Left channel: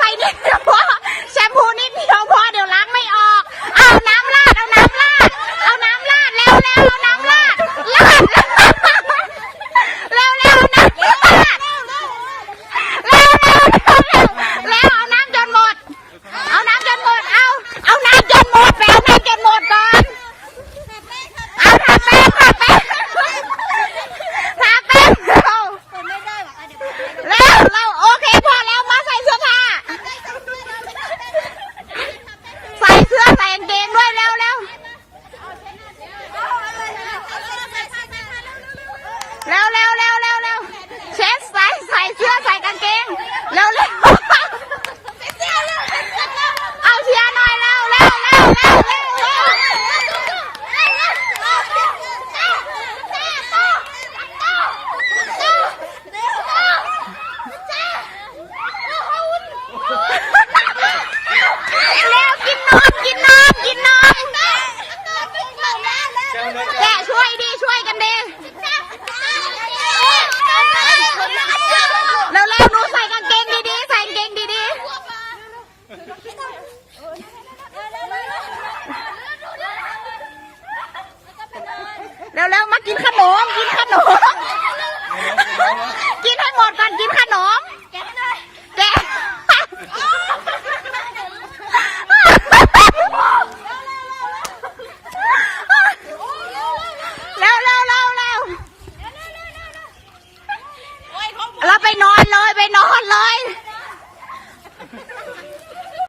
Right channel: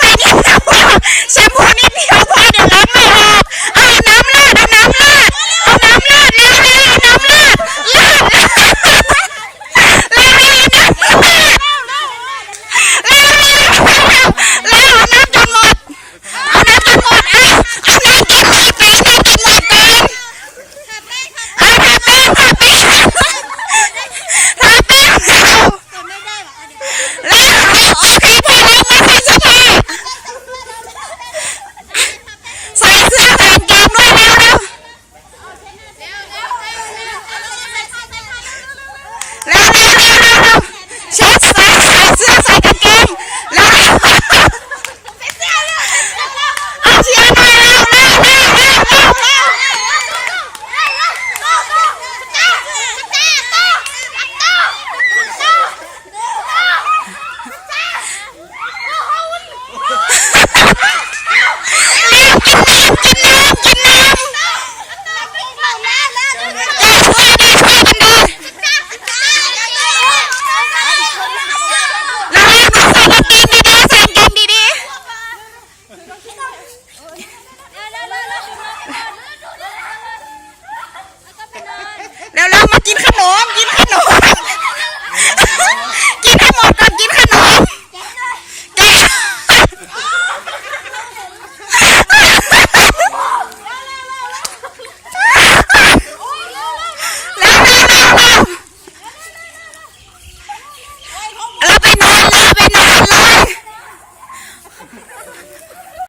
快点！ แล้วแล้วมากินขนมกินขนม